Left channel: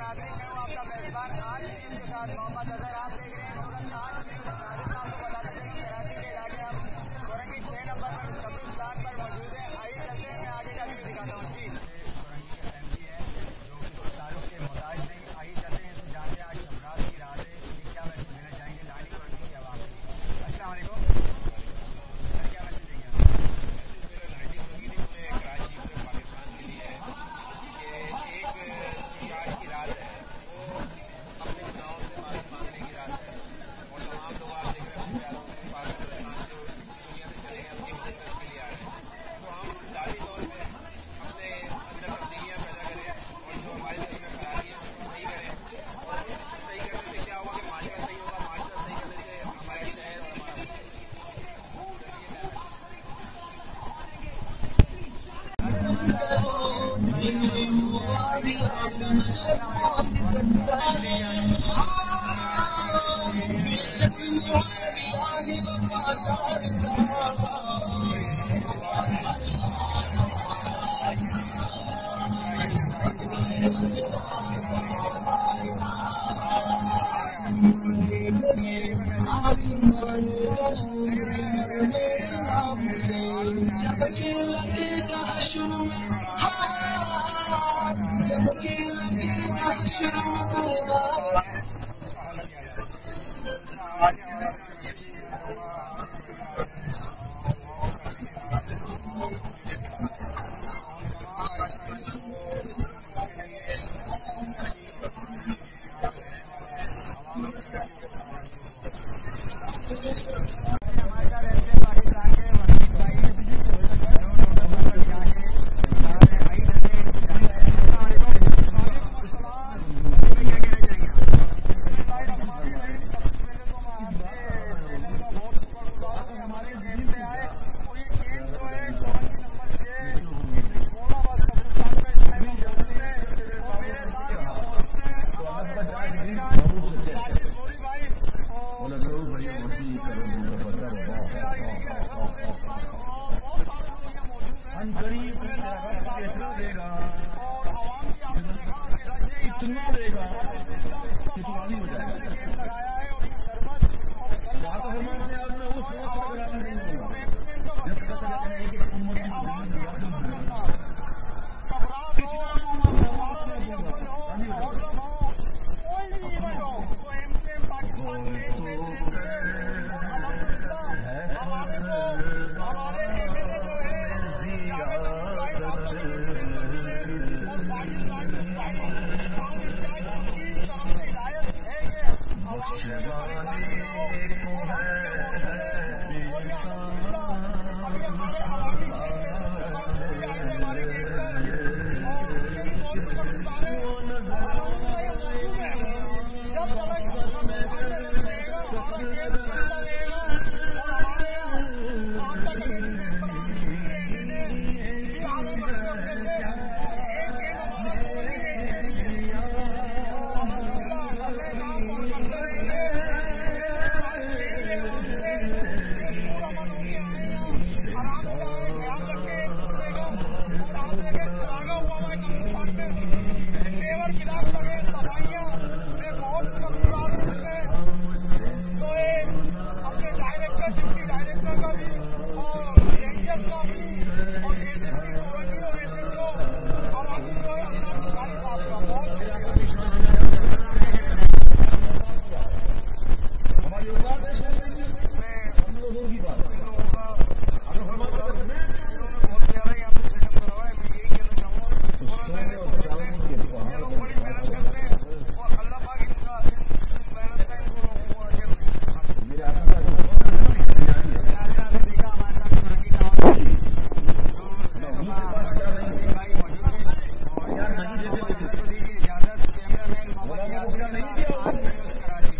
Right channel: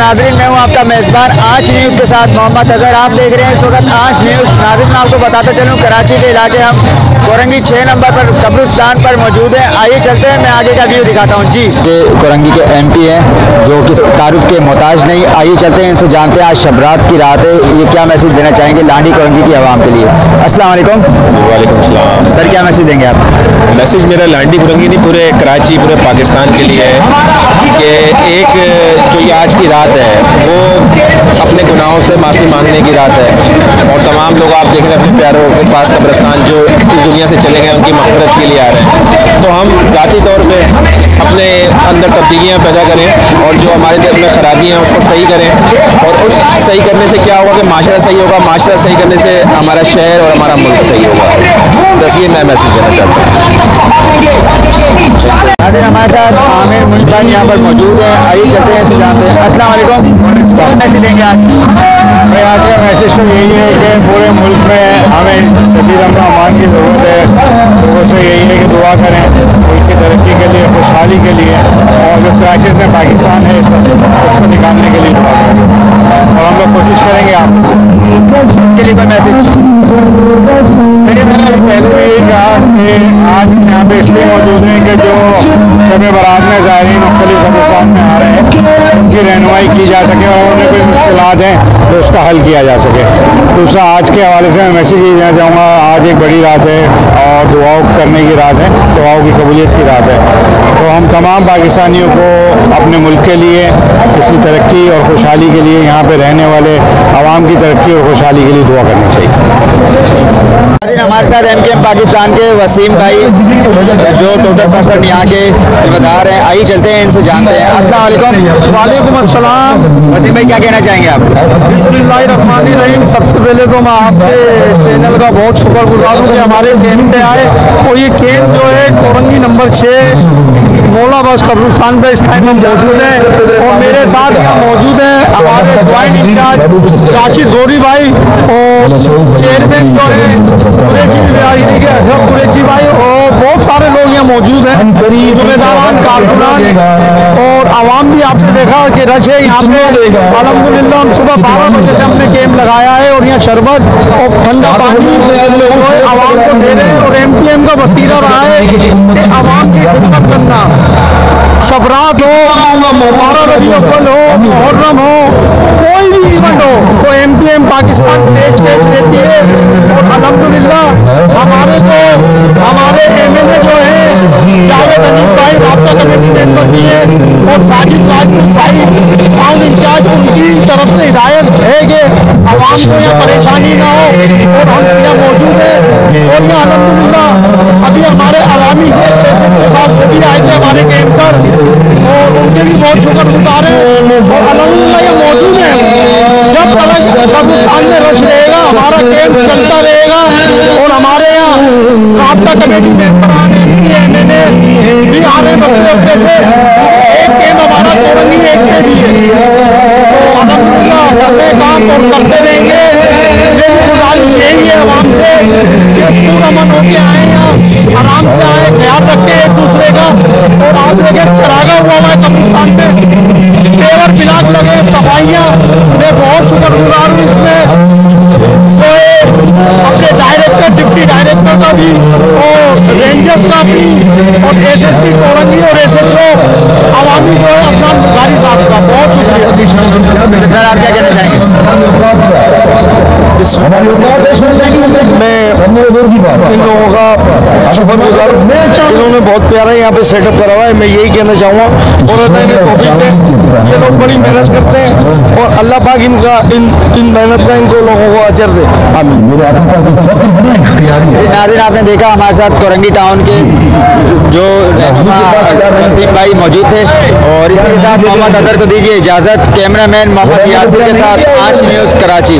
नाज़रीन, मैं हूँ आपका मेज़बान आंच न्यूज़ के साथ मोहम्मद अजहर। आप देख रहे हैं इस वक्त आंच न्यूज़। नाज़रीन, मैं आपको बताता चलूँ, कराची के इलाके हम कोरंगी 6 नंबर पर कब्रिस्तान पर मौजूद हैं। आइए चलते हैं, मैं आगे का व्यू दिखाता हूँ। जी, ये कोरंगी के MP हैं जो कि तारुफ के मोहताज नहीं। आइए चलते हैं, इनसे जानते हैं आज शबरात की रात है, ये क्या मैसेज देना चाहेंगे लांडी कोरंगी की आवाम के लिए। अस्सलाम वालेकुम। वालेकुम सलाम। सर, क्या मैसेज देंगे आप? मैसेज मेरा लांडी कोरंगी नहीं, पूरे कराची, पूरे पाकिस्तान के लिए है कि एक जो ये आज की रात है वो अपने गुनाहों से माफ़ी मांगने की रात है। और तमाम लोग आप देख रहे हैं अपने प्यारों के पास कब्रिस्तान जो इस दुनिया से चले गए उनकी मग़फ़िरत के लिए आ रहे हैं। तो हम ज़ाती तौर पे अपने अंदर तब्दीलियाँ पैदा करें और जो हमारे दिल में ख़राबियाँ हैं उसको सही करें। और उस सही करने से क्या होगा कि माशरा सही होगा, माशरा सही करने से हमारा शहर और हमारा मुल्क सही होगा। बस ये मैं मैसेज देना चाहता हूँ। हमारे साथ आमिर मुल्तान यहाँ पर मौजूद है। आइए चलते हैं, जानते हैं। अस्सलाम वालेकुम। क्या मैसेज देंगे आज? भाई आज का मैसेज तो यही है कि पूरे मुल्क में हमें शदीद अमन अमान की ज़रूरत है। लोगों से यही है कि दुआ करें मुल्क की तरक्की के लिए, खुशहाली के लिए, और जो क्राइसिस में पाकिस्तान है उसको निकालने के लिए दुआ करें। और हम लोग कोशिश करेंगे आप इसके लिए कोई मैसेज? पहले भी यही कहा कि आज यहाँ पे इसलिए मौजूद हैं कि जो शब बारात में ज़ायरीन मुख्तलिफ कब्रिस्तान में आ रहे हैं उनकी रहनुमाई की जा सके और उन्हें कोई मुश्किलात हैं तो उसका हल किया जा सके। दूसरा, आज के हवाले से मैं मैसेज ये देना चाहूँगा, आज एक बड़ी रात है और दुआओं करने की रात है, दुआओं की कबूलियत की रात है। तो हम तमाम पाकिस्तानियों को अपने मुल्क के लिए, इसकी तरक्की और खुशहाली के लिए, यहाँ पर रहने वाले आवाम की तरक्की और खुशहाली के लिए दुआ करनी चाहिए। हमारे साथ MKM पाकिस्तान के वसीम भाई जो टोटल पर्सन यहाँ के जिम्मेदार हैं। आइए चलते हैं, इनसे जानते हैं। अस्सलाम वालेकुम। वालेकुम अस्सलाम। वसीम भाई, क्या कहना चाहेंगे आप? बिस्मिल्लाहिर्रहमानिर्रहीम। सबसे पहले तो मैं आपके चैनल का बहुत शुक्रगुजार हूँ कि हमारे कैंप पे आए। और ये कैंप जो है कोरंगी नंबर 6 मौला बस कब्रिस्तान पे इस टाइम हम मौजूद हैं। और मेरे साथ यहाँ मौजूद हैं हमारे ज्वाइंट इंचार्ज राशिद गौरी भाई और चेयरमैन जो है कुरैशी के अशरफ कुरैशी भाई, और बहुत सारे लोग यहाँ मौजूद हैं, ज़िम्मेदारान, कारकुनान और आवाम भी। आपने देखा कि रश है यहाँ पे। अल्हम्दुलिल्लाह हम सुबह 12 बजे से हमने कैंप लगाया है और यहाँ शरबत और ठंडा पानी आवाम को दे रहे हैं। और MKM का वतीरा रहा है कि आवाम की खिदमत करना। शबरात हो, 12 रबी अव्वल हो, मुहर्रम हो, कोई भी इवेंट हो तो MKM पाकिस्तान पेज रहती है। और अल्हम्दुलिल्लाह हमारे MLA जो है जावेद अली भाई राब्ता कमेटी मेंबर भी है और साजिद राजपूत भाई टाउन इंचार्ज, उनकी तरफ से हिदायत है कि आवाम को यहाँ परेशानी ना हो और हम यहाँ मौजूद हैं। और यहाँ अल्हम्दुलिल्लाह अभी हमारे अवामी से वो भी आए थे हमारे कैंप पर और उनके भी बहुत शुक्रगुजार हैं। और अल्हम्दुलिल्लाह ये मौजूद है। जब कब्रिस्तान में रश रहेगा हमारा कैंप चलता रहेगा। और हमारे यहाँ राब्ता कमेटी मेंबर आने भी आने मसले से एक कैंप हमारा कोरंगी एक के लिए तो अल्हम्दुलिल्लाह करते काम और करते रहेंगे। मेरी गुजारिश यही है आवाम से कि पूरा मन होके आए, यहाँ आराम से आए, ख्याल रखें एक दूसरे का। और आप देखें चरागा हुआ है कब्रिस्तान पे, पेवर पिलाक लगे, सफाइयाँ। मैं बहुत शुक्रगुजार हूँ इसमें अपने डायरेक्टर, डिप्टी डायरेक्टर का भी और रेंजर्स का भी और SSP कोरंगी और SHO अवामी जो है अफनान बुखारी साहब का बहुत शुक्रिया। सर, आप क्या कहना चाहेंगे? मैं इन लोगों का शुक्रगुजार हूँ। इन्होंने बहुत प्यारा यहाँ पे सेटअप करा हुआ है। मैं यही कहना चाहूँगा और ये लोग बड़ी मेहनत करते हैं और अल्लाह पाक इनका इन मेहनत का इनको लोगों को अजर दे। नाज़रीन, आपने देखा हमारे साथ कोरंगी टाउन के जो वसीम भाई मौजूद थे। और इसी के साथ मोहम्मद अजहर को दीजिए इजाज़त। कैमरामैन मोहम्मद यासिर के साथ आंच न्यूज़ कराची।